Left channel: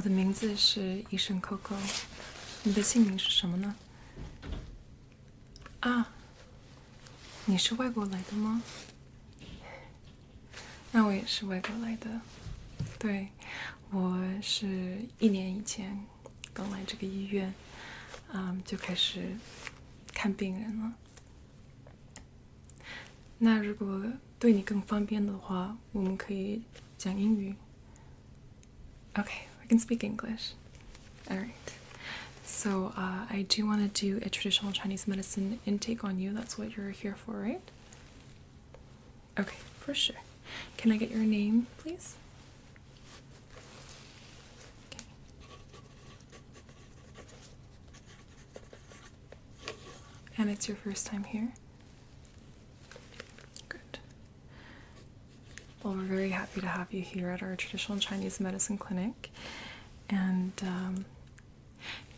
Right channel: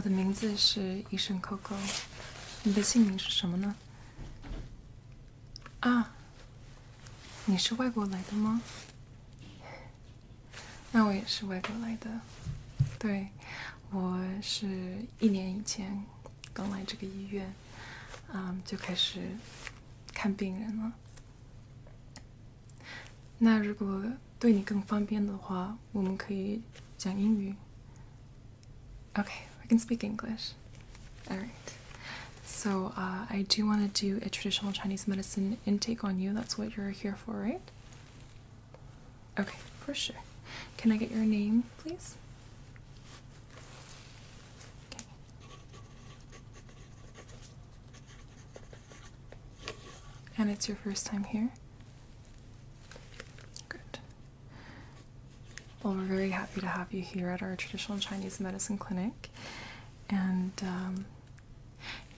我的名字是医生 Coco， 你的姓名是什么呢？啊，你是外国来的吗？那我也是外国来的。对，我是1年以前刚来这个医院，就开始看病人了。那如果对你更方便的话，我们可以讲英语。Okay, we can speak English. All right. So I do want to do a traditional Chinese medicine intake on you. That's what you're here for, right? Okay, for sure. Can I get your name, please? Okay. And it's your first time here? Good. Well, we're very happy to have you here at our traditional Chinese medicine clinic. And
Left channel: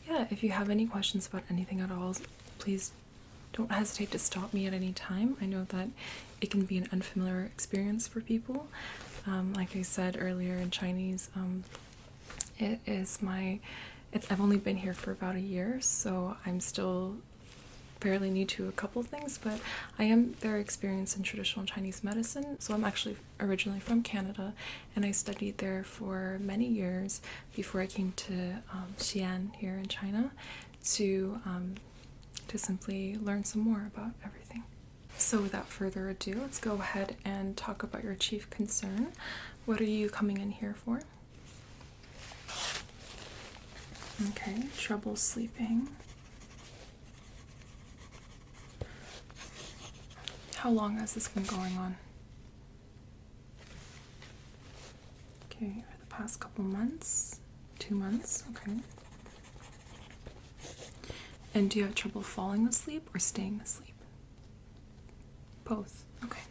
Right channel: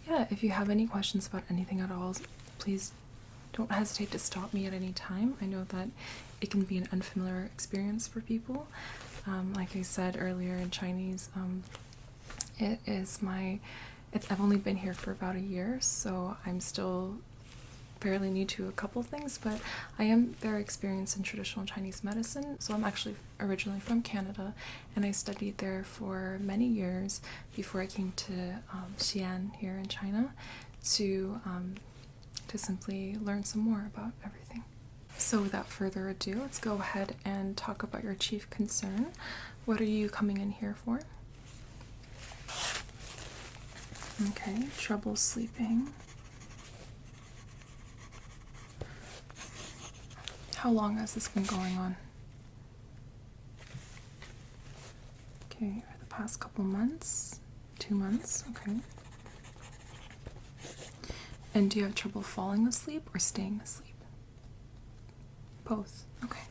yeah, if you have any questions about anything at all, please don't hesitate to stop me at any time. I know that it can be an unfamiliar experience for people. Like I said earlier in Chinese, I've only been here for about a year, so I'm still fairly new to a couple things, but I am very experienced in traditional Chinese medicine. So I'm actually originally from Canada, and I studied there for many years before I came to Xi'an here in China to simply learn some more about everything. So without further ado, let's go ahead and talk about your chief concern. What are you coming in here for? Okay, trouble sleeping. How long has this been going on? Okay, for the past couple months? 2 months, okay. And do you have trouble falling asleep or staying asleep? Both, okay.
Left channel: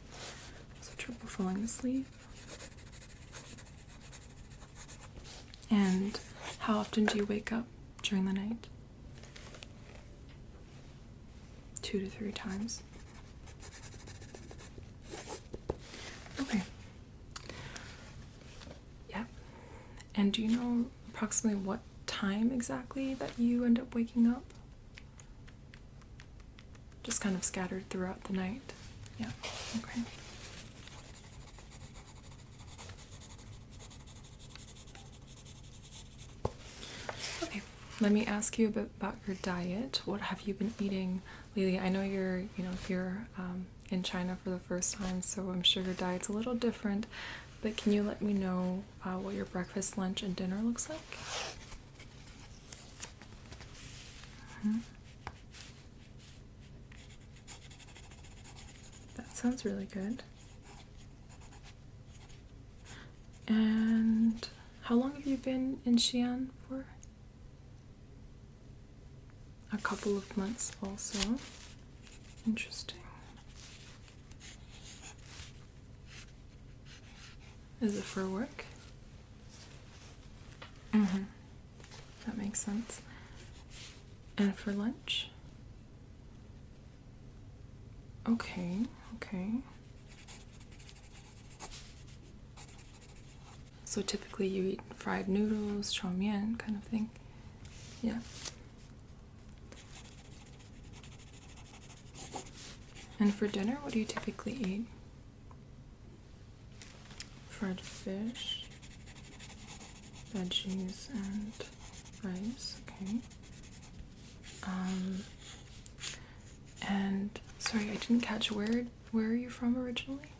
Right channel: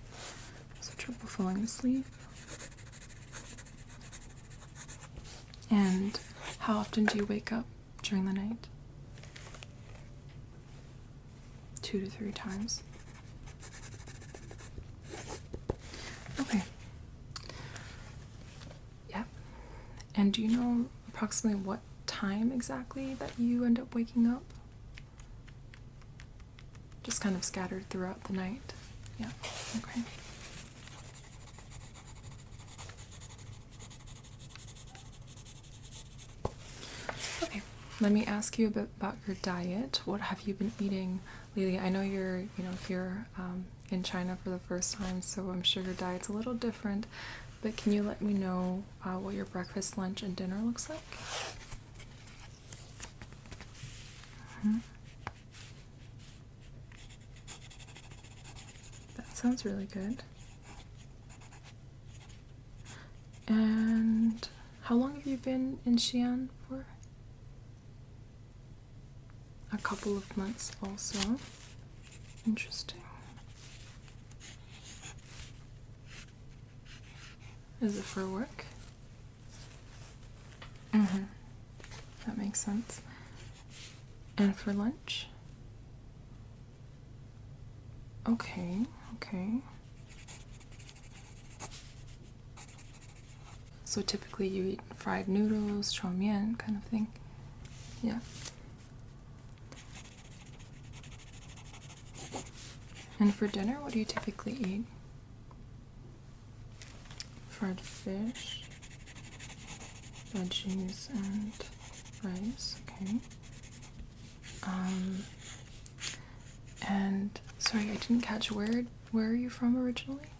So trouble falling asleep. And how often do you wake up during the night? 2 to 3 times. Okay. Yep. And do you know approximately what time exactly that you end up waking up? Just kind of scattered throughout the night. Yeah, okay. Okay, let me ask you a bit about your diet. What have you been eating lately? I know you're, here in China for the first time, so I'm sure your diet's a little different, but can you let me know what your breakfast, lunch, and dinner looks like? That sounds really good. And how long have you been in Xi'an for? A couple of months also. Interesting. Is it for work? That makes sense. And for lunch? Okay, okay. So typically you eat fried noodles, chow mein kind of thing? Yeah. And for dinner, what do you typically eat? Fried fish, veggies, and rice, okay. And sorry, I didn't catch where are you from originally?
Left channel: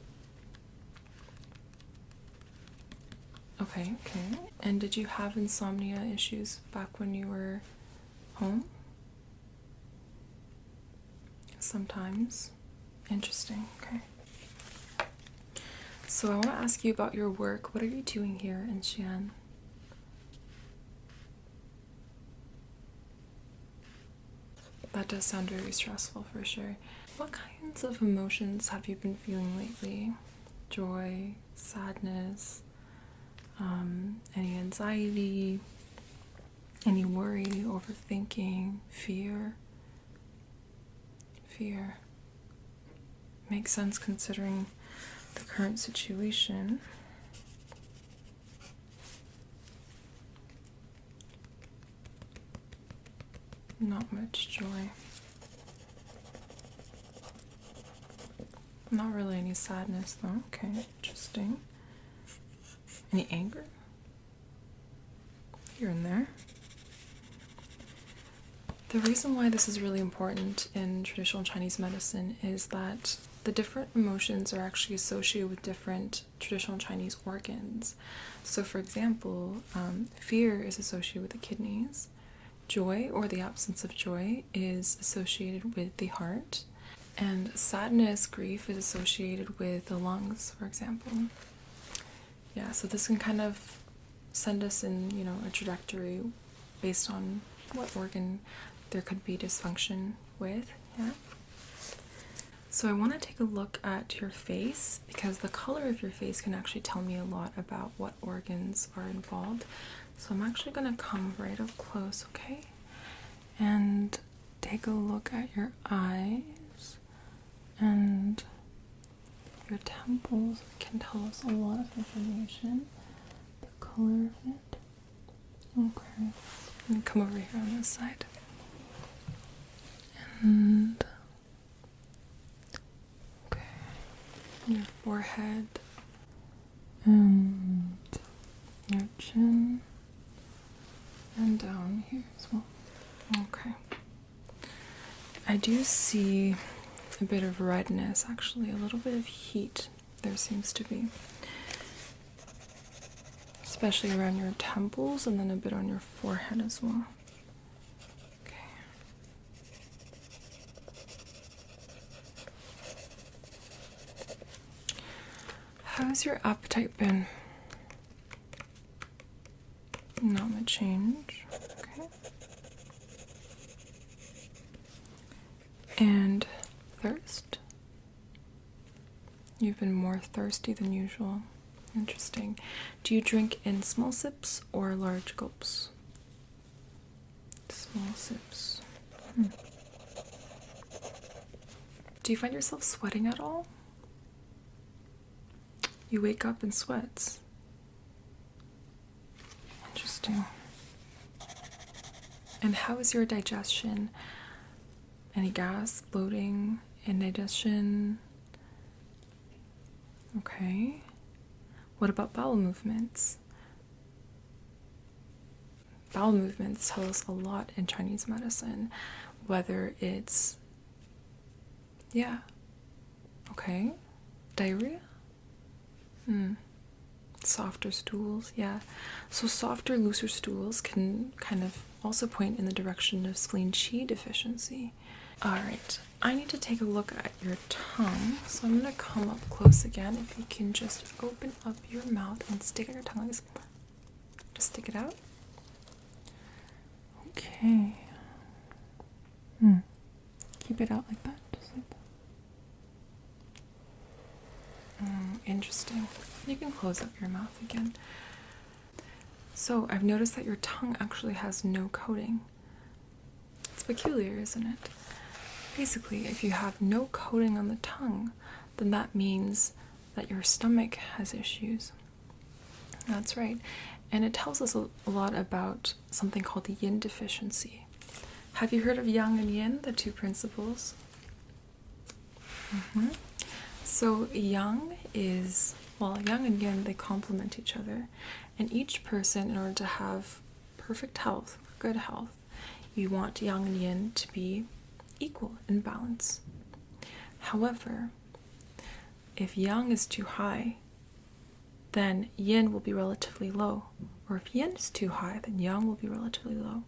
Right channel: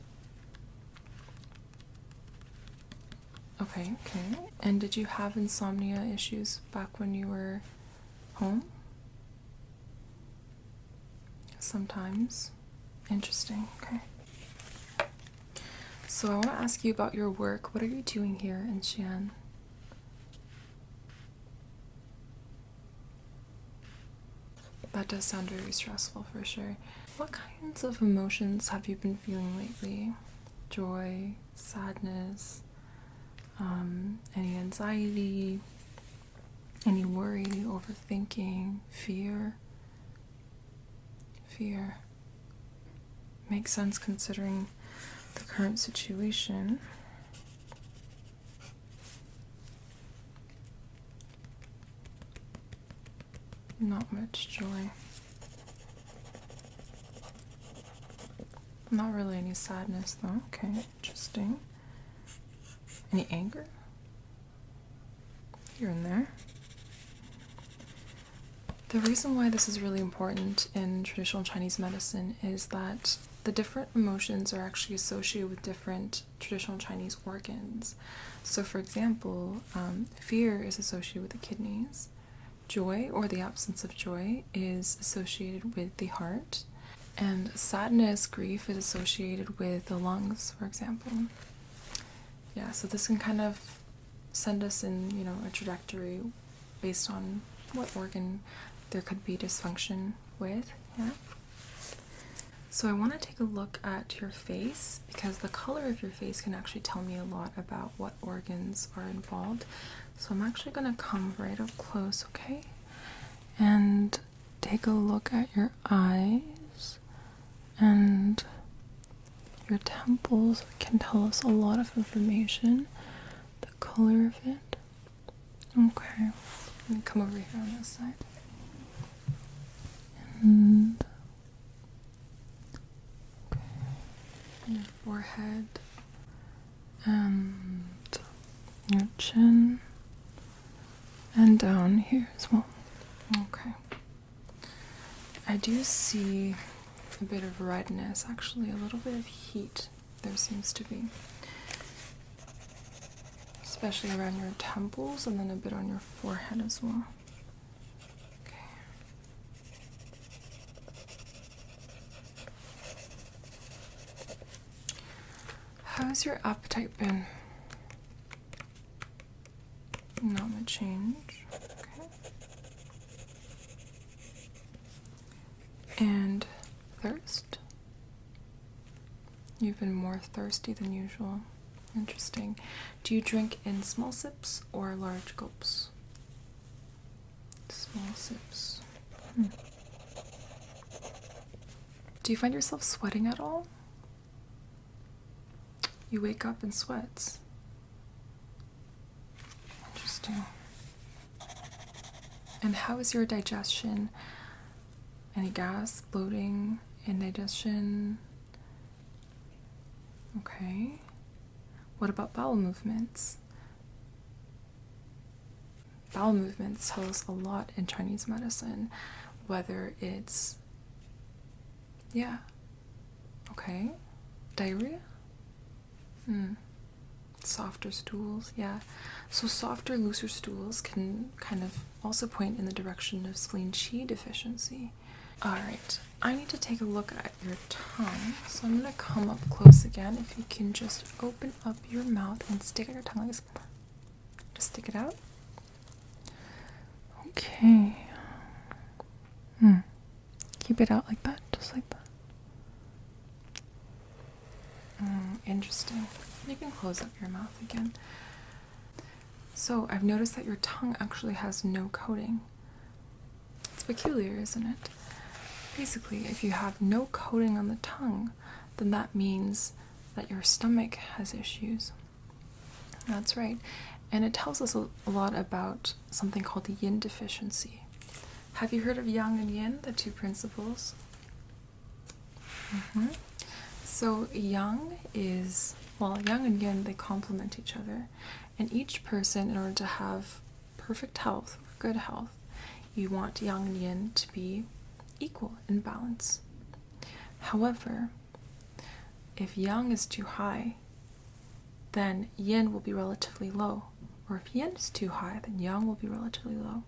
Okay, okay. And did you have insomnia issues back when you were home? Sometimes. Interesting, okay. So I want to ask you about your work. What are you doing here in Xi'an? That does sound very stressful for sure. What kinds of emotions have you been feeling lately? Joy, sadness, any anxiety, any worry, overthinking, fear? Fear. Makes sense considering the current situation. Not much joy. Not really any sadness though. Okay, interesting. Any anger? Here and there. The reason why this is really important in traditional Chinese medicine is that the different emotions are actually associated with different traditional Chinese organs. So for example, fear is associated with the kidneys. Joy, or the absence of joy, is associated with the heart. And sadness, grief, is associated with the lungs, for example. Yeah, so this can kind of send us in, a trajectory based on what organ there could be dysfunction with, yeah. So I want to take a look at your face, because the color of your face can actually tell me a lot about what organs are involved. So I'm actually going to come right up close, okay? And take a look at your eyes and your temples. It can tell us a lot of information. The color of it. Okay. And come over here on this side. And okay. Your forehead and your chin and down here as well. Okay. I do see a bit of redness, actually, a little bit of heat there seems to be. Especially around your temples and then a bit on your forehead as well. Okay. How's your appetite been? Not much change. Okay. And thirst? You've been more thirsty than usual. Interesting. Do you drink in small sips or large gulps? Small sips. Do you find yourself sweating at all? You wake up in sweats. Interesting. And how is your digestion? Any gas, bloating, indigestion? Okay. What about bowel movements? Bowel movements tell us a lot in Chinese medicine, whether it's, yeah, okay, diarrhea? Softer stools, yeah. So softer, looser stools can kind of also point in the direction of spleen qi deficiency. Alright, I need to take a look at your tongue, so I'm going to come up close again. If you can just open up your mouth and stick out your tongue like this. Just stick it out. Okay. Keep it out like that, just like that. Interesting. You can close up your mouth again. So I've noticed that your tongue actually has no coating. It's peculiar, isn't it? Basically, if you have no coating on the tongue, then that means that your stomach has issues. That's right. And it tells us a lot about something called the yin deficiency. Have you heard of yang and yin, the two principles? So yang is, yang and yin, they complement each other. And each person, in order to have perfect health, good health, you want yang and yin to be equal in balance. However, if yang is too high, then yin will be relatively low. Or if yin is too high, then yang will be relatively low.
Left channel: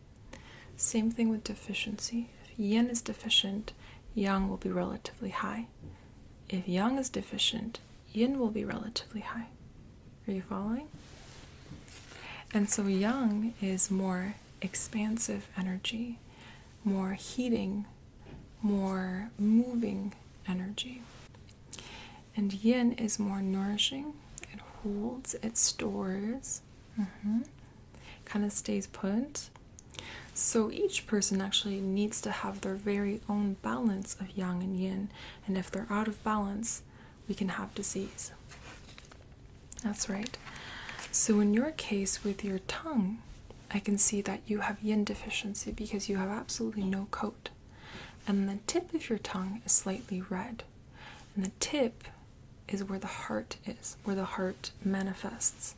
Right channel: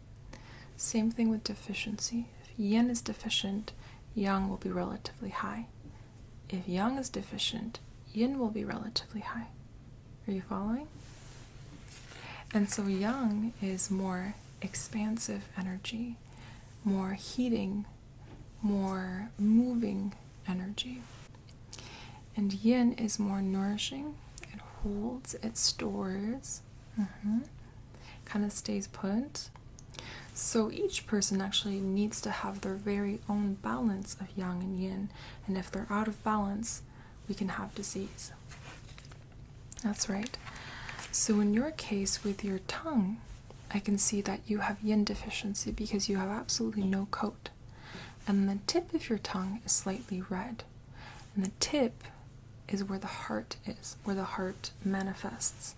Same thing with deficiency. If yin is deficient, yang will be relatively high. If yang is deficient, yin will be relatively high. Are you following? And so yang is more expansive energy, more heating, more moving energy. And yin is more nourishing. It holds, it stores, kind of stays put. So each person actually needs to have their very own balance of yang and yin. And if they're out of balance, we can have disease. That's right. So in your case with your tongue, I can see that you have yin deficiency because you have absolutely no coat. And the tip of your tongue is slightly red. And the tip is where the heart is, where the heart manifests.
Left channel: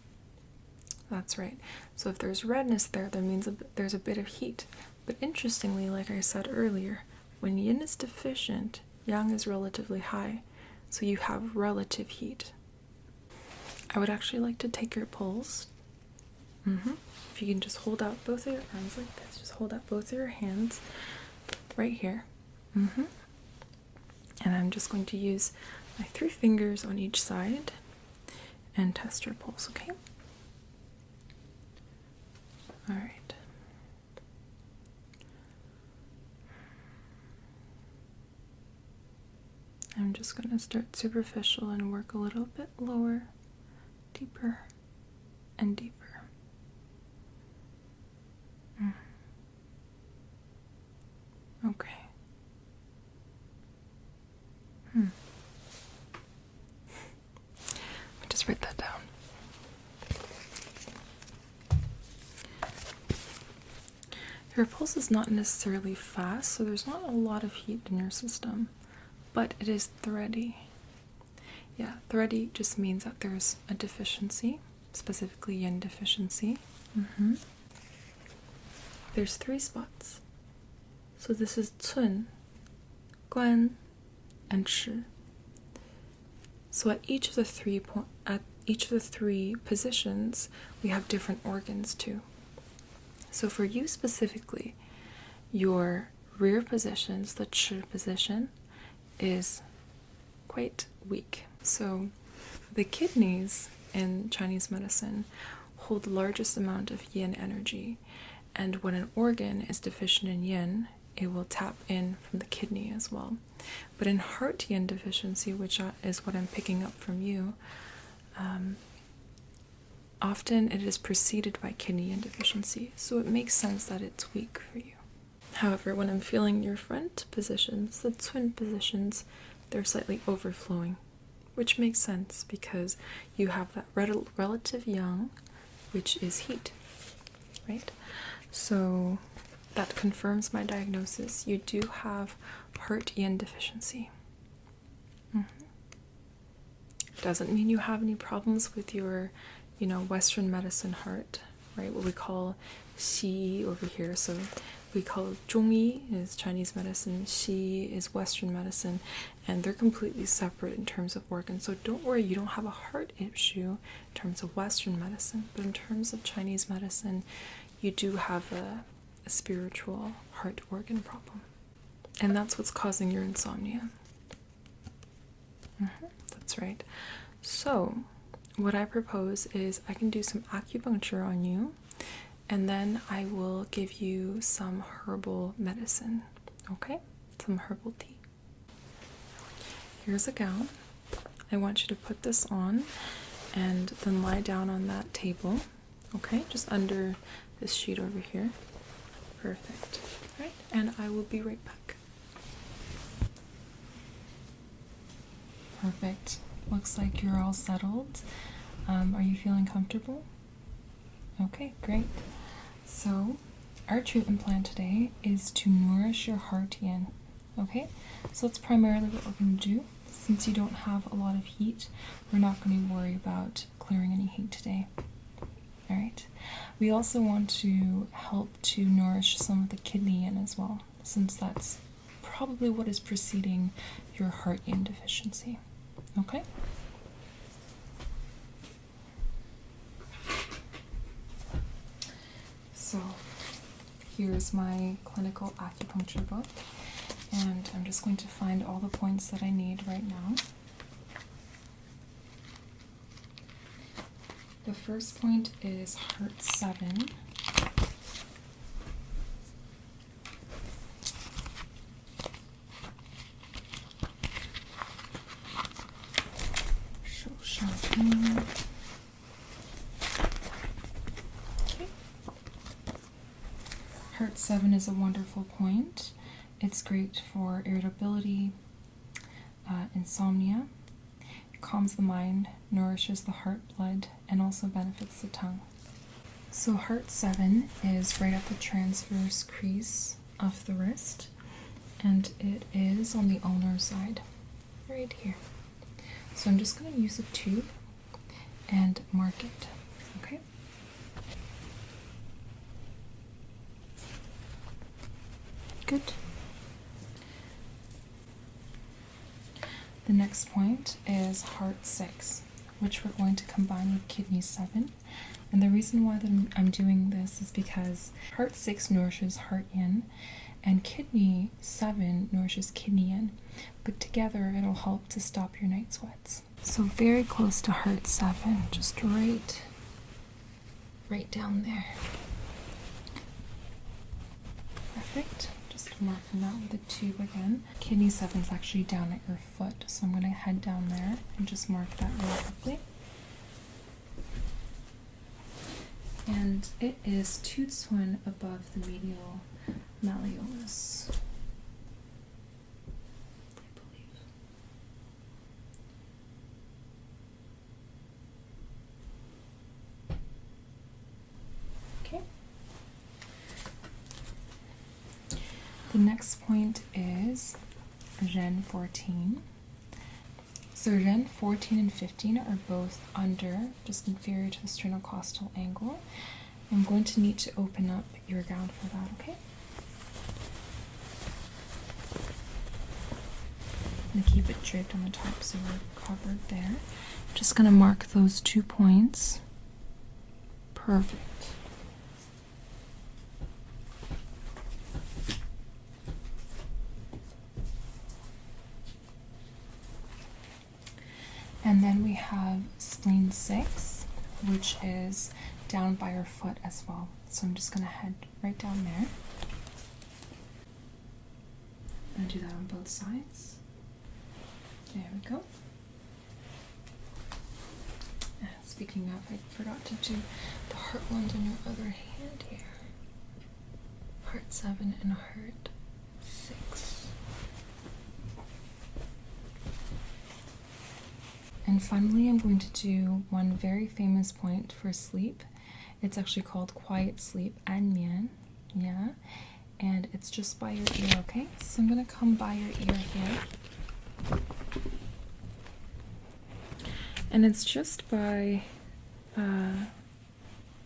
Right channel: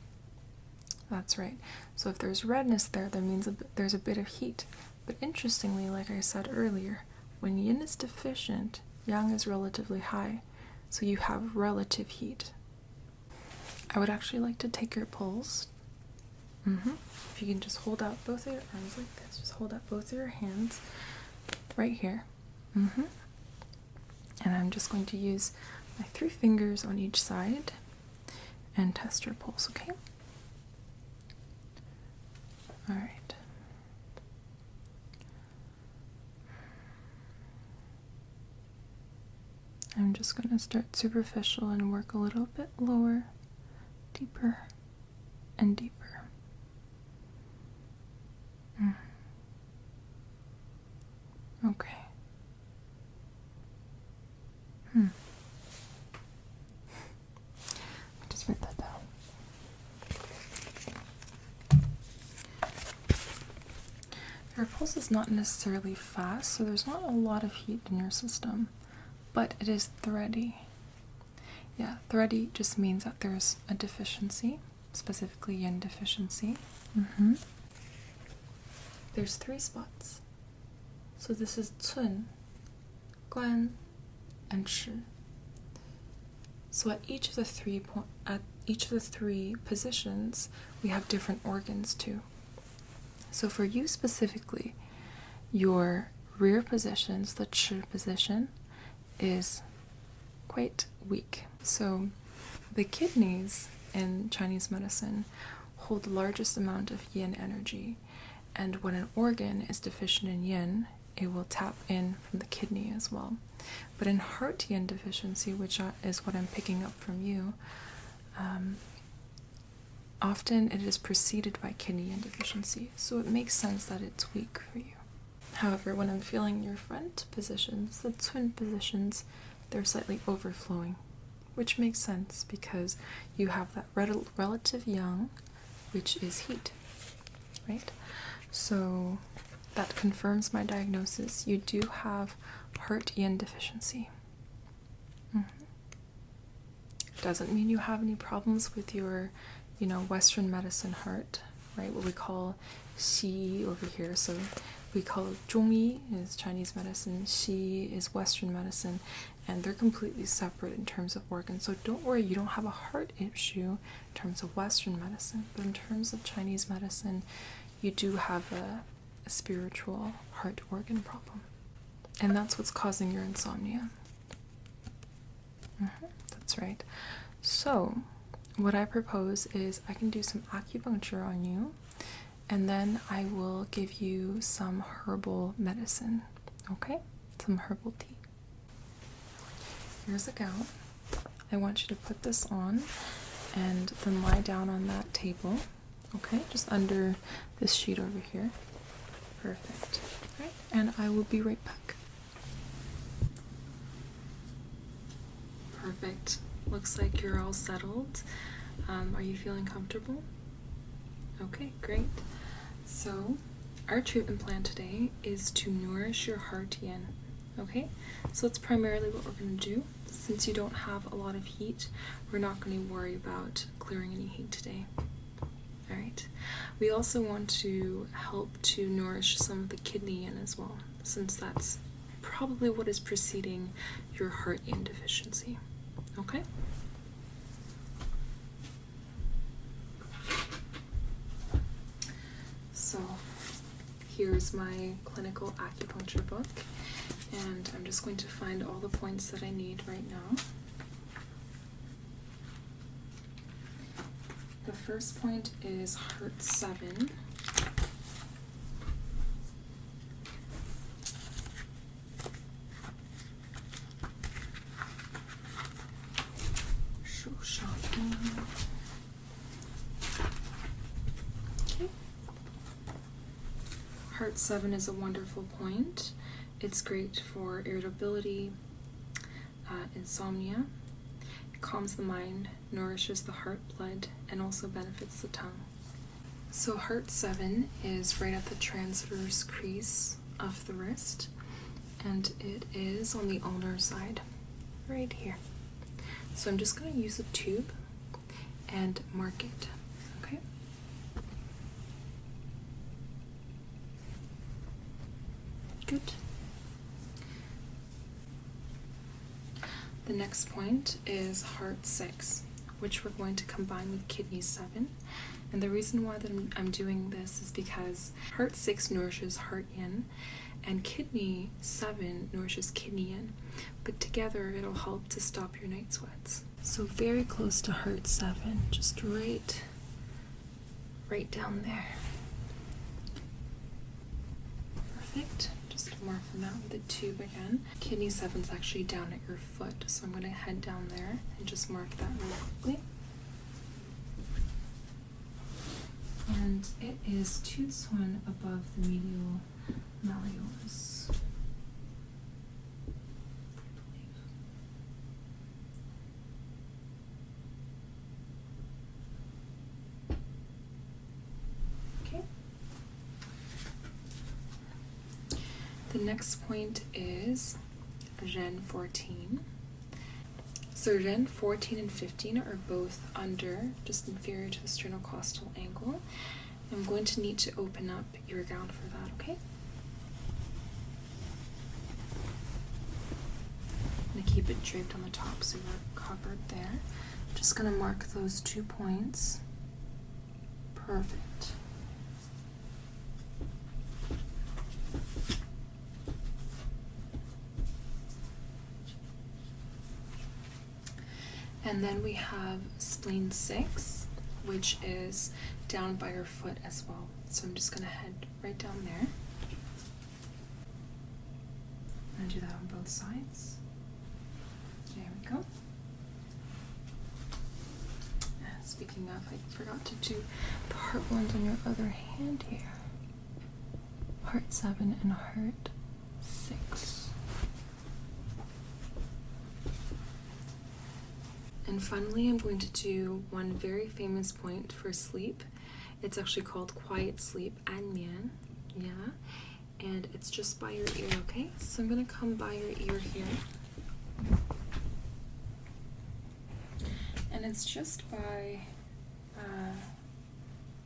That's right. So if there's redness there, that means there's a bit of heat. But interestingly, like I said earlier, when yin is deficient, yang is relatively high. So you have relative heat. I would actually like to take your pulse. If you can just hold out both of your arms like this. Just hold out both of your hands right here. And I'm just going to use my 3 fingers on each side and test your pulse, okay? All right. I'm just going to start superficial and work a little bit lower, deeper, and deeper. Okay. Just write that down. Your pulse is not necessarily fast, so there's not a lot of heat in your system, but it is thready. Yeah, thready just means that there's a deficiency, specifically yin deficiency. There's 3 spots. So this is cun, guan, and shi. So at each of the 3 positions, we have different organs too. So for you specifically, your rear positions, the chi position, is quite weak. So the kidneys in Chinese medicine hold the largest amount of yin energy, and when an organ is deficient in yin, it will tap in from the kidney as well. But in heart yin deficiency, which is what I'm picking up from you, often it is preceded by kidney yin deficiency, so it makes sense that it's weak for you. However, when I'm feeling your front positions, the twin positions, they're slightly overflowing, which makes sense because you have that relative yang, which is heat, right? So that confirms my diagnosis. You do have heart yin deficiency. Doesn't mean you have any problems with your, Western medicine heart, right? What we call Xi over here. So we call Zhongyi is Chinese medicine, Xi is Western medicine, and they're completely separate in terms of organs. So don't worry, you don't have a heart issue in terms of Western medicine, but in terms of Chinese medicine, you do have a spiritual heart organ problem. And that's what's causing your insomnia. That's right. So what I propose is I can do some acupuncture on you, and then I will give you some herbal medicine, okay? Some herbal tea. Here's a gown. I want you to put this on and then lie down on that table, okay? Just under this sheet over here. Perfect. All right, and I will be right back. Perfect. Looks like you're all settled. Are you feeling comfortable? Okay, great. So, our treatment plan today is to nourish your heart yin. Okay, so that's primarily what we're going to do. Since you don't have a lot of heat, we're not going to worry about clearing any heat today. All right. We also want to help to nourish some of the kidney yin as well, since that's probably what is preceding your heart yin deficiency. Okay? So, here's my clinical acupuncture book, and I'm just going to find all the points that I need right now. The first point is heart 7. Okay. Heart 7 is a wonderful point. It's great for irritability, insomnia. It calms the mind, nourishes the heart blood, and also benefits the tongue. So heart 7 is right at the transverse crease of the wrist, and it is on the ulnar side, right here. So I'm just going to use a tube and mark it, okay? Good. The next point is heart 6, which we're going to combine with kidney 7. And the reason why that I'm doing this is because heart 6 nourishes heart yin, and kidney 7 nourishes kidney yin. But together it'll help to stop your night sweats. So very close to heart 7, just right down there. Perfect. Just marking that with a tube again. Kidney 7 is actually down at your foot, so I'm going to head down there and just mark that really quickly. And it is 2 twin above the medial malleolus. I believe. Okay. The next point is Ren 14. So Ren 14 and 15 are both under, just inferior to the sternocostal angle. I'm going to need to open up your gown for that, okay? I'm going to keep it draped on the top so we're covered there. I'm just going to mark those 2 points. Perfect. And then we have spleen 6, which is down by your foot as well. So I'm just going to head right down there. I'm going to do that on both sides. There we go. And speaking of, I forgot to do the heart ones on your other hand here. Heart 7 and heart 6. And finally, I'm going to do one very famous point for sleep. It's actually called quiet sleep, Anmian, yeah, and it's just by your ear, okay? So I'm going to come by your ear here. And it's just by,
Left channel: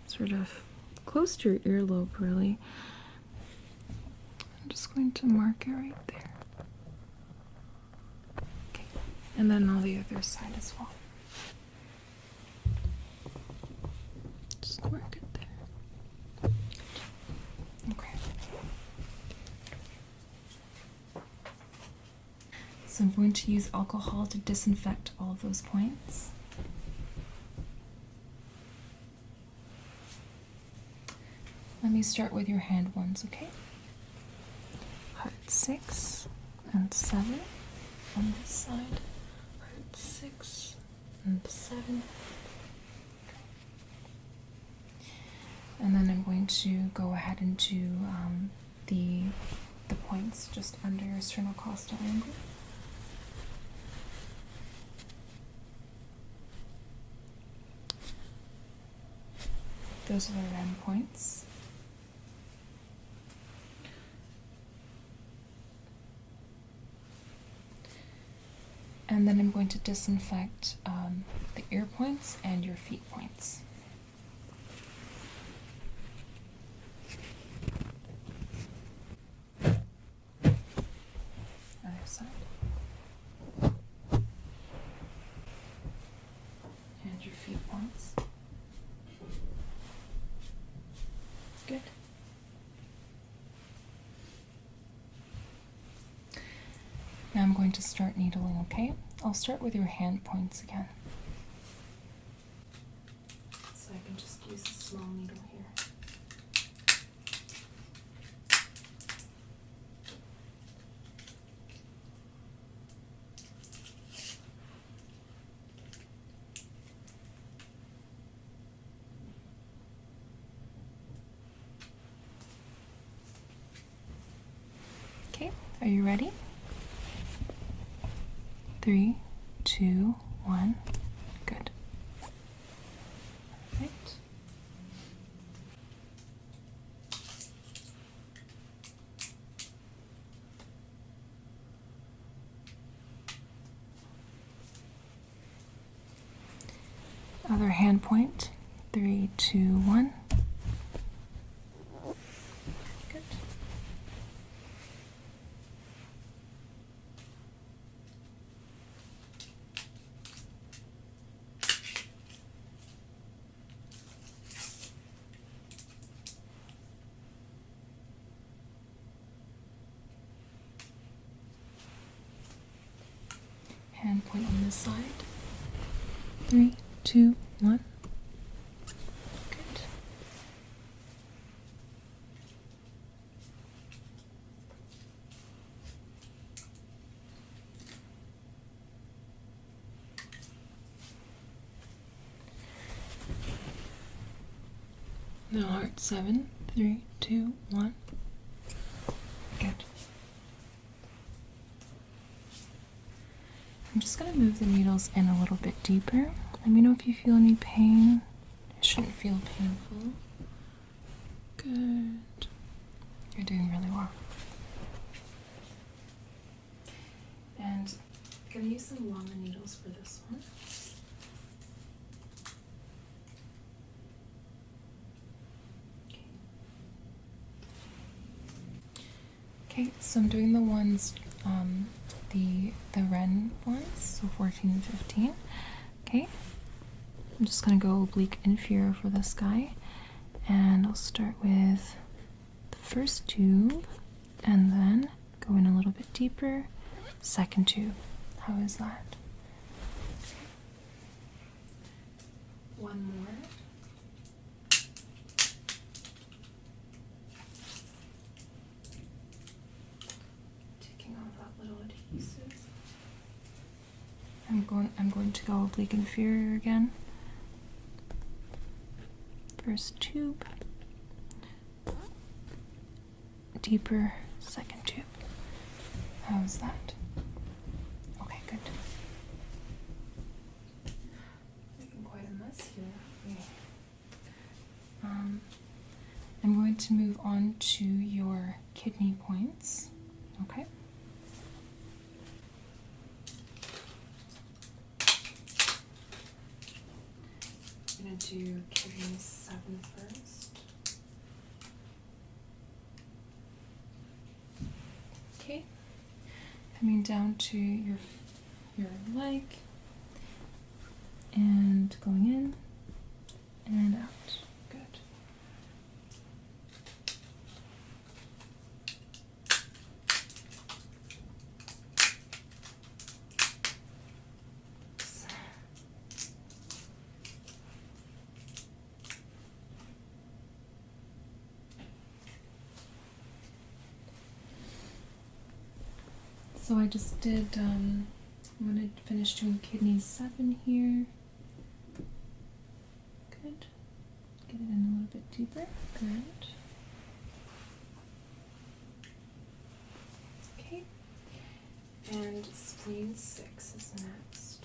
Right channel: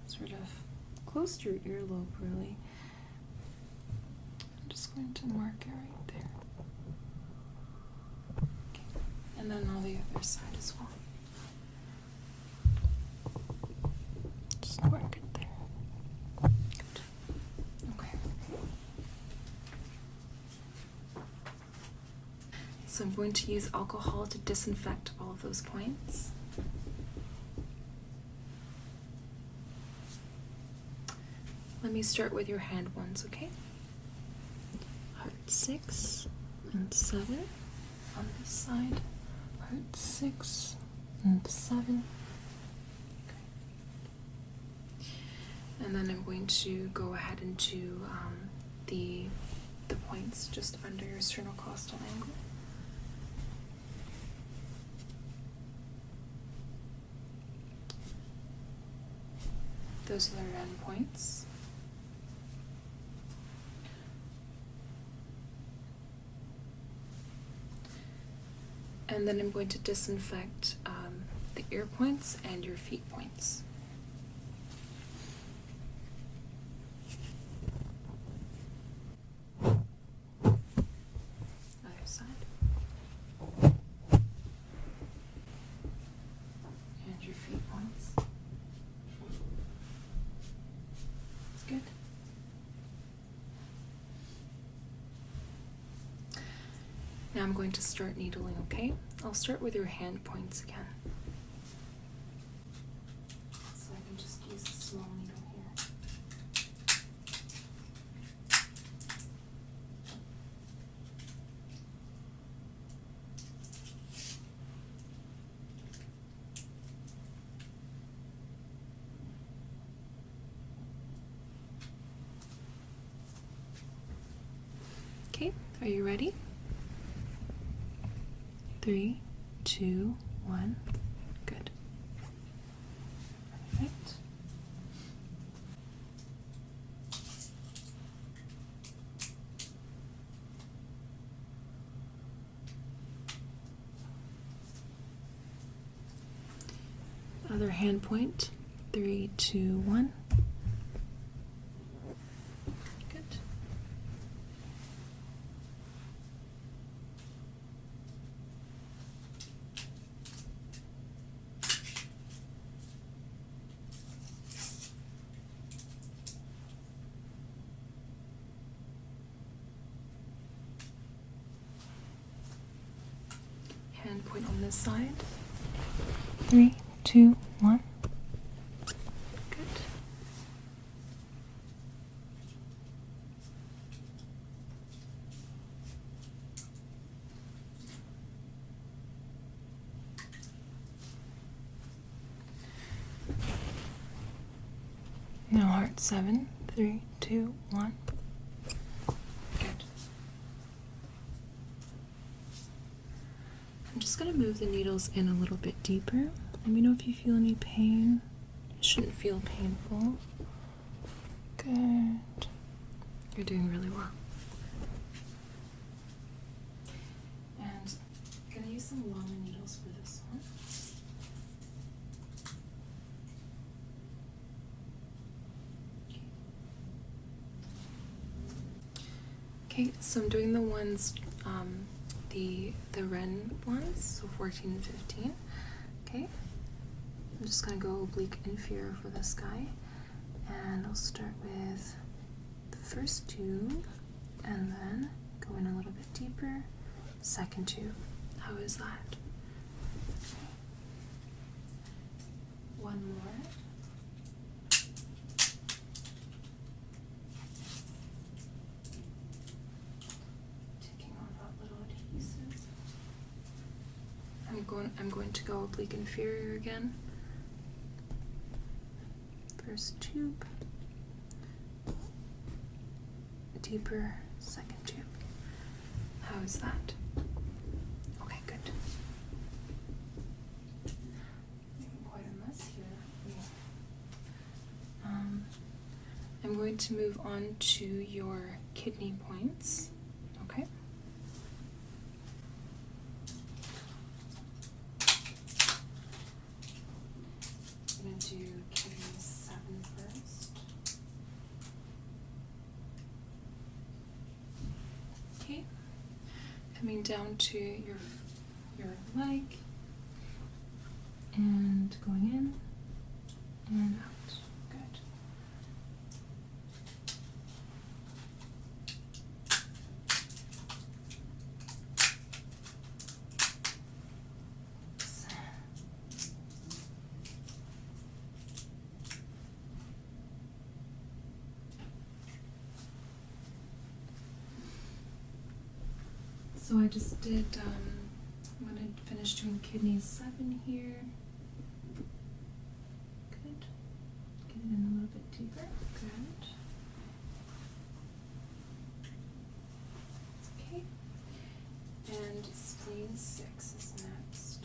sort of close to your earlobe, really. I'm just going to mark it right there. And then on the other side as well. Just mark it there. Good. Okay. So I'm going to use alcohol to disinfect all of those points. Let me start with your hand ones, okay? Heart 6 and 7 on this side. Heart 6 and 7. And then I'm going to go ahead and do the points just under your sternocostal angle. Those are the REM points. And then I'm going to disinfect the ear points and your feet points. Other side. And your feet points. Good. Now I'm going to start needling, okay? I'll start with your hand points again. So I can just use a small needle here. Okay, are you ready? 3, 2, 1. Good. Perfect. Other hand point. 3, 2, 1. Good. Hand point on this side. 3, 2, 1. Good. Now heart 7, 3, 2, 1. Good. I'm just going to move the needles in a little bit deeper. Let me know if you feel any pain. It shouldn't feel painful. Good. You're doing really well. And I'm going to use some longer needles for this one. Okay, so I'm doing the ones, the Ren ones, so 14 and 15. Okay, I'm just gonna go oblique inferior for this guy, and I'll start with the first tube, and then go in a little bit deeper, second tube. How is that? One more. I'm going to go oblique inferior again. First tube, deeper, second tube. How is that? Okay, good. Making quite a mess here. Yeah. I'm going to move on to your kidney points. Okay. Coming down to your leg and going in and out. Good. So I just did, I'm going to finish doing kidney 7 here. Good. Get it in a little bit deeper. Good. Okay. And spleen 6 is next.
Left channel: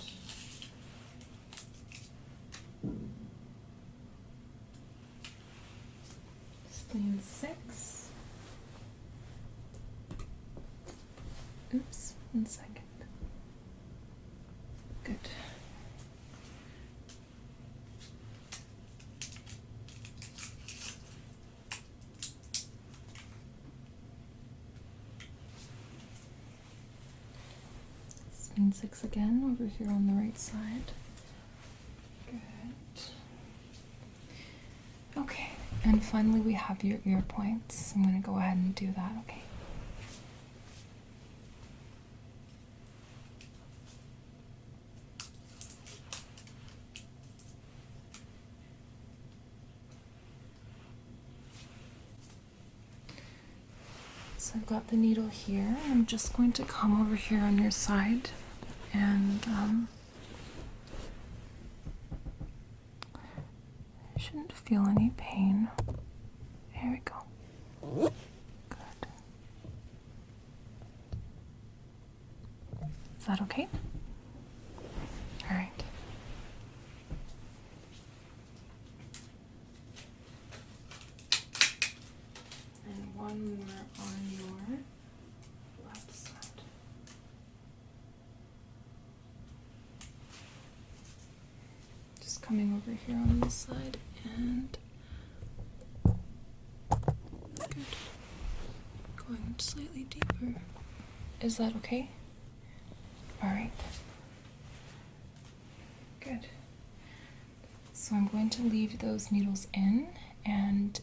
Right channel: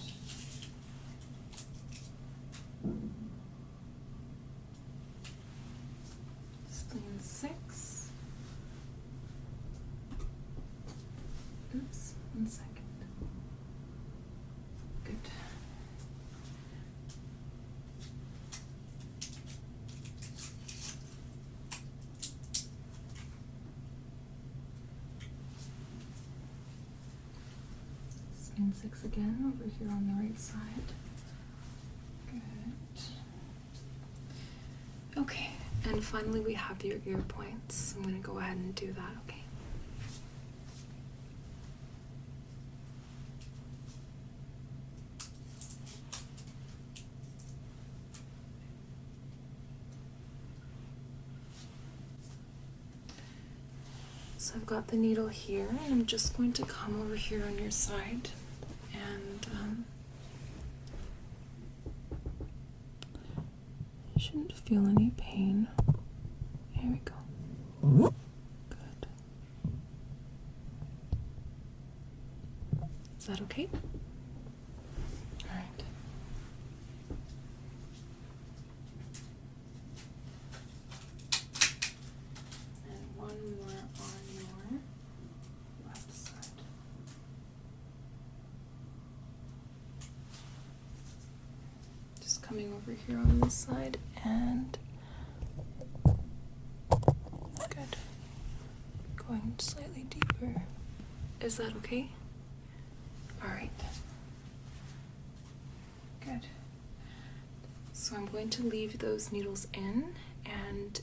Spleen 6. Oops, 1 second. Good. Spleen 6 again over here on the right side. Good. Okay, and finally we have your ear points. I'm going to go ahead and do that, okay? So I've got the needle here. I'm just going to come over here on your side and you shouldn't feel any pain. There we go. Good. Is that okay? All right. And one more on your left side. Just coming over here on this side, and good. Going slightly deeper. Is that okay? All right. Good. So I'm going to leave those needles in, and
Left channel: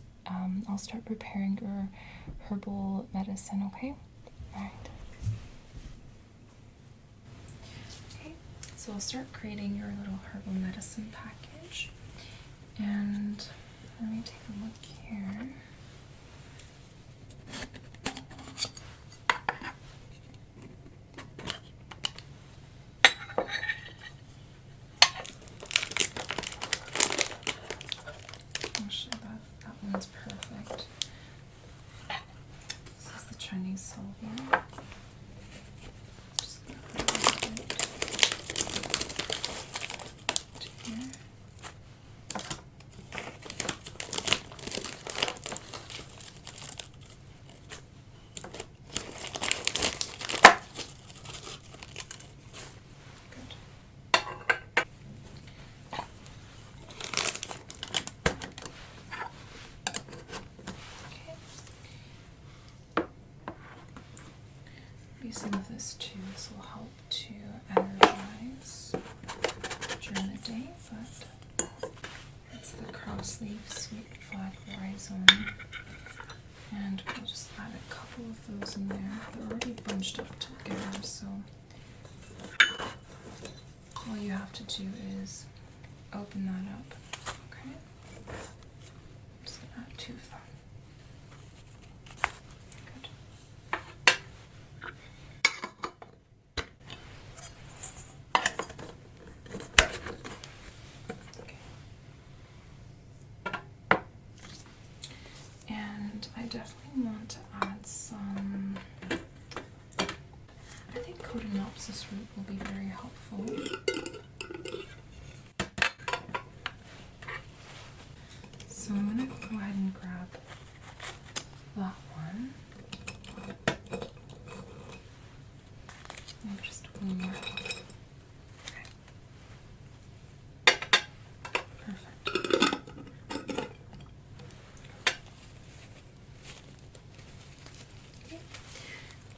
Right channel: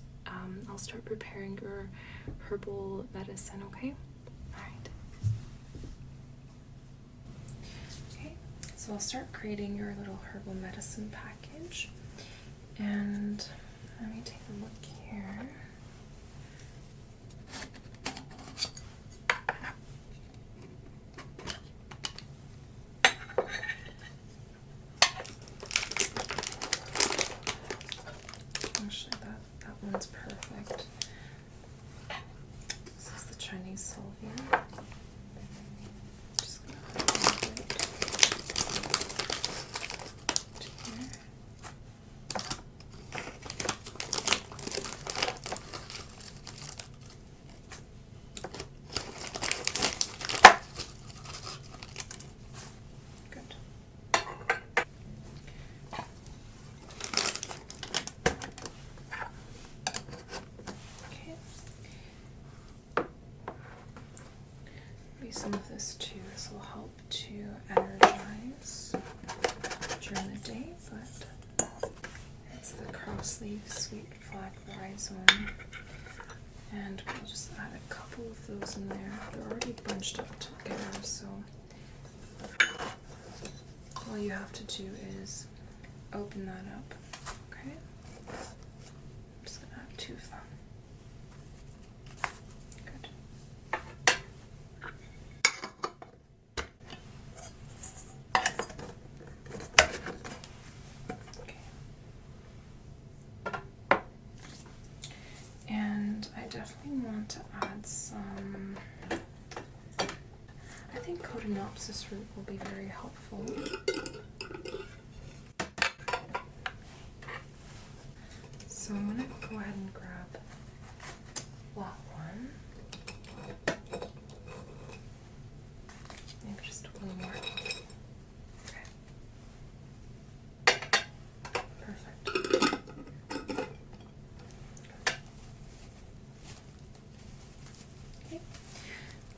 I'll start preparing your herbal medicine, okay? All right. Okay, so I'll start creating your little herbal medicine package. And let me take a look here. Actually, that one's perfect. This is the Chinese salvia. Just gonna put it here. Good. Okay. Maybe some of this too. This will help to energize during the day, but it's the cross-leaf sweet flag rhizome. And we'll just add a couple of those in there. They're already bunched up together, so all you have to do is open that up. Okay? I'm just gonna add 2 of them. Good. Okay. And I definitely want to add some, I think Cotinopsis root will be very helpful. So I'm going to go ahead and grab that one. Maybe just one more. Okay. Perfect. Okay.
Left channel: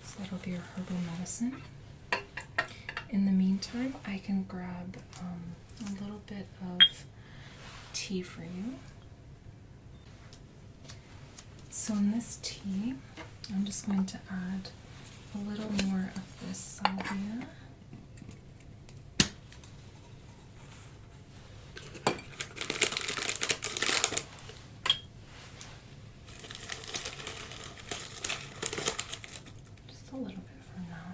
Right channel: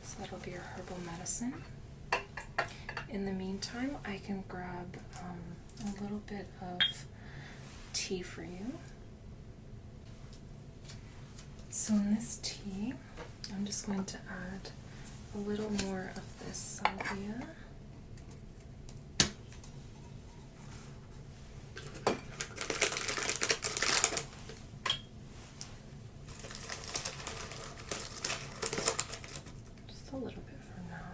So that'll be your herbal medicine. In the meantime, I can grab a little bit of tea for you. So in this tea, I'm just going to add a little more of this salvia. Just a little bit for now.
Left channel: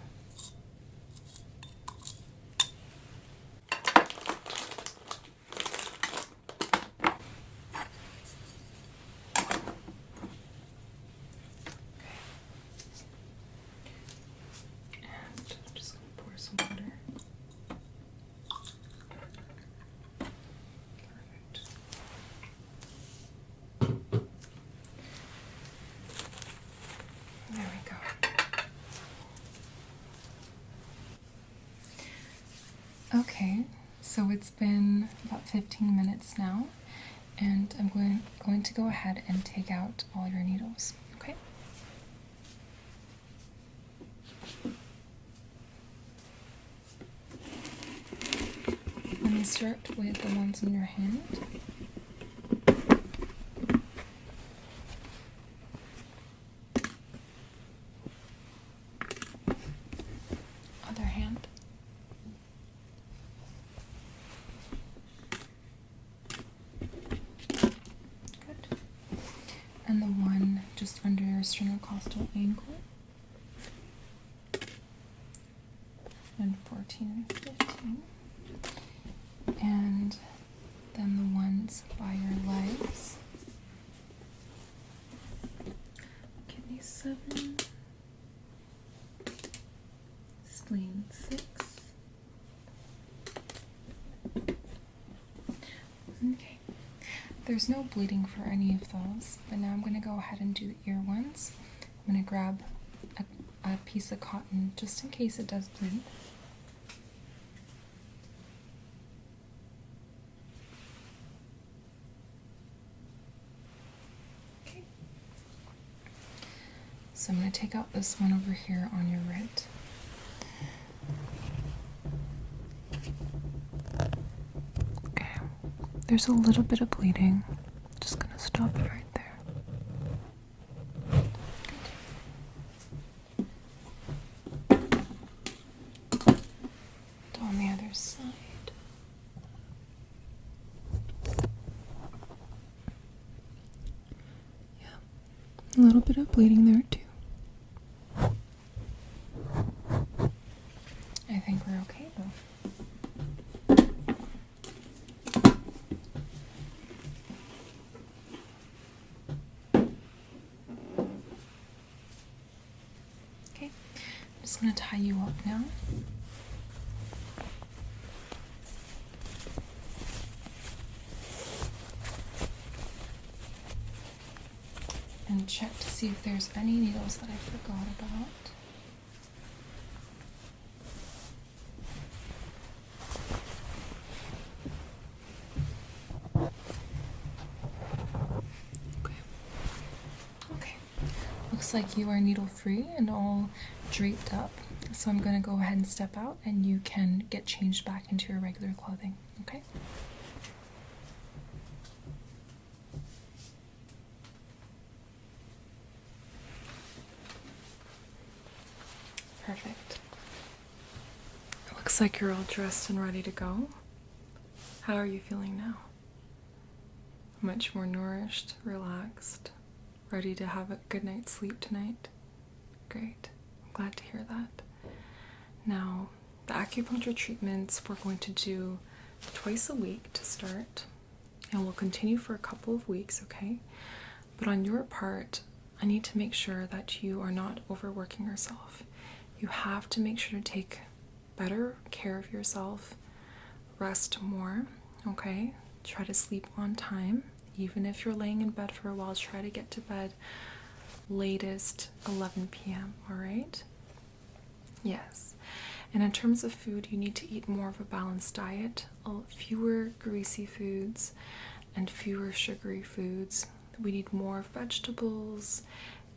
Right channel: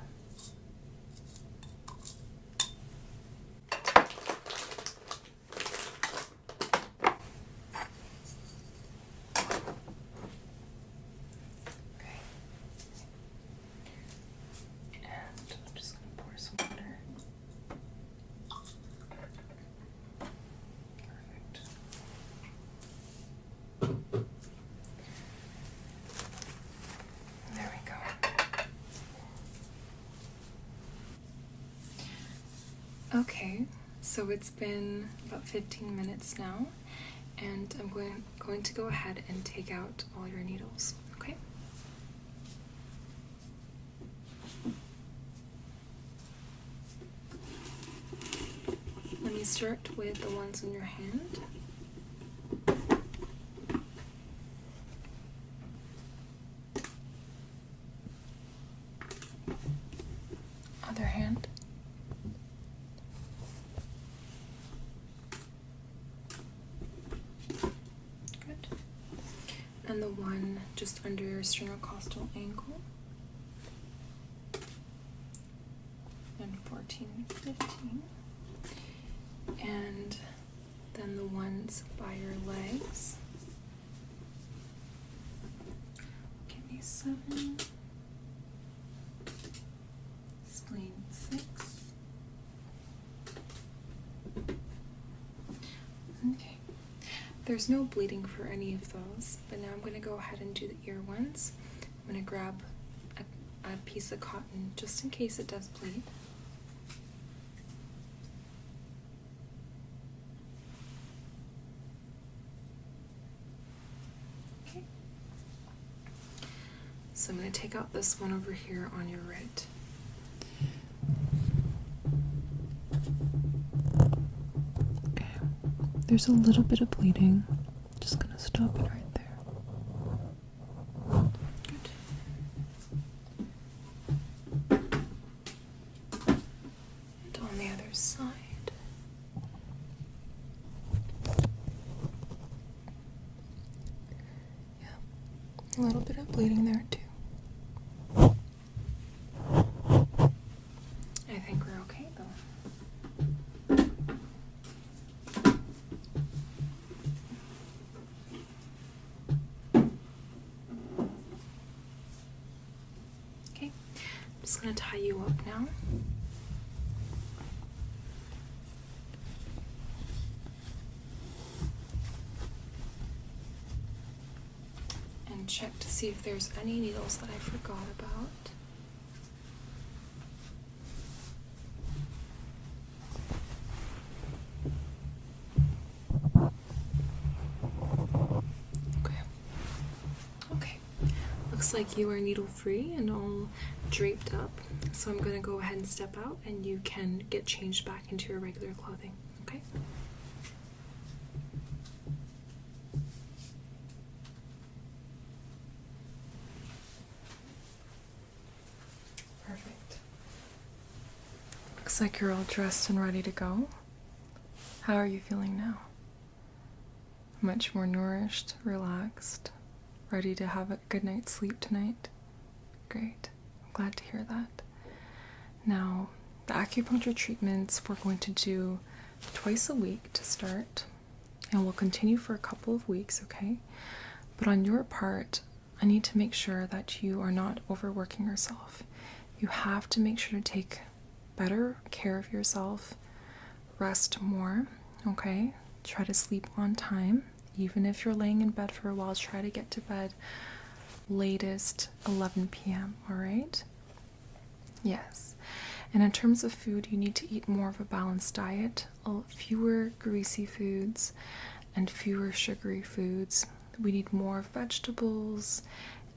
Okay, so it's been about 15 minutes now, and I'm going to go ahead and take out all your needles, okay? Let me start with the ones in your hand. Other hand. And the one just under your sternocostal ankle. And 14 and 15. And then the ones by your legs. Kidney 7. Spleen 6. Okay. There's no bleeding for any of those, but now I'm going to go ahead and do the ear ones. I'm going to grab a piece of cotton just in case it does bleed. So I'm going to take out this one over here on your right. Okay, there's a little bit of bleeding. Just going to stop it right there. On the other side. Yeah, a little bit of bleeding there too. I think we're okay though. Okay, I'm just going to tie you up now. And check to see if there's any needles that I forgot about. Okay. Looks like you are needle free and all draped up. So I'm going to go ahead and step out and you can get changed back into your regular clothing. Okay? Perfect. Looks like you're all dressed and ready to go. How are you feeling now? Much more nourished, relaxed, ready to have a good night's sleep tonight? Great. I'm glad to hear that. Now, the acupuncture treatments we're going to do twice a week to start, and we'll continue for a couple of weeks, okay? But on your part, I need to make sure that you are not overworking yourself. You have to make sure to take better care of yourself, rest more, okay? Try to sleep on time. Even if you're laying in bed for a while, try to get to bed latest 11 p.m., all right? Yes. And in terms of food, you need to eat more of a balanced diet, fewer greasy foods and fewer sugary foods. We need more vegetables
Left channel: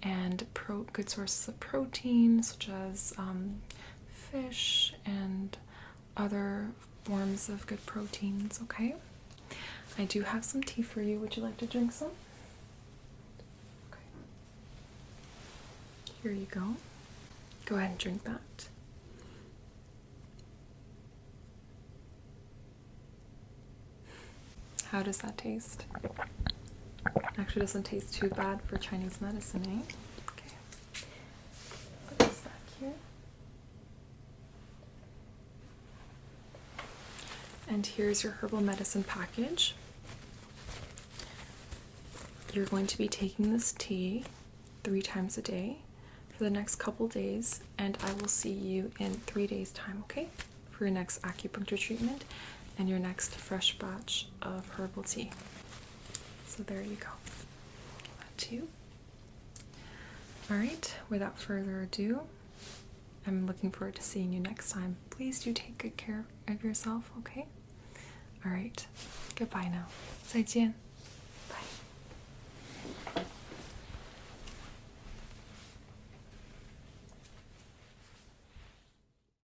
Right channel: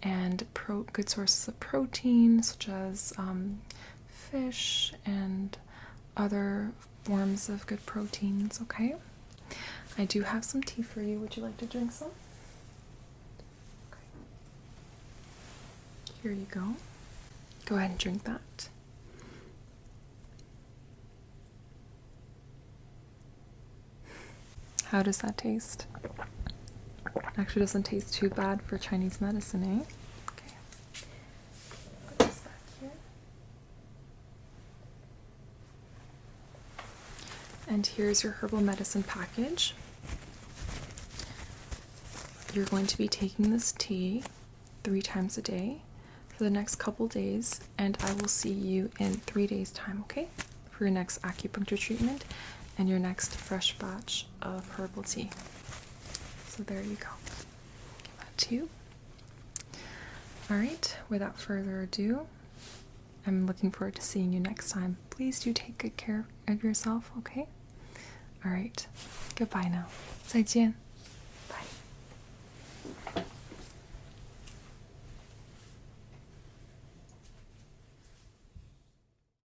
and good sources of protein, such as fish and other forms of good proteins, okay? I do have some tea for you. Would you like to drink some? Okay. Here you go. Go ahead and drink that. How does that taste? Actually doesn't taste too bad for Chinese medicine, eh? Okay. Put this back here. And here's your herbal medicine package. You're going to be taking this tea 3 times a day for the next couple days, and I will see you in 3 days' time, okay? For your next acupuncture treatment and your next fresh batch of herbal tea. So there you go. Give that to you. Alright, without further ado, I'm looking forward to seeing you next time. Please do take good care of yourself, okay? Alright, goodbye now. 再见.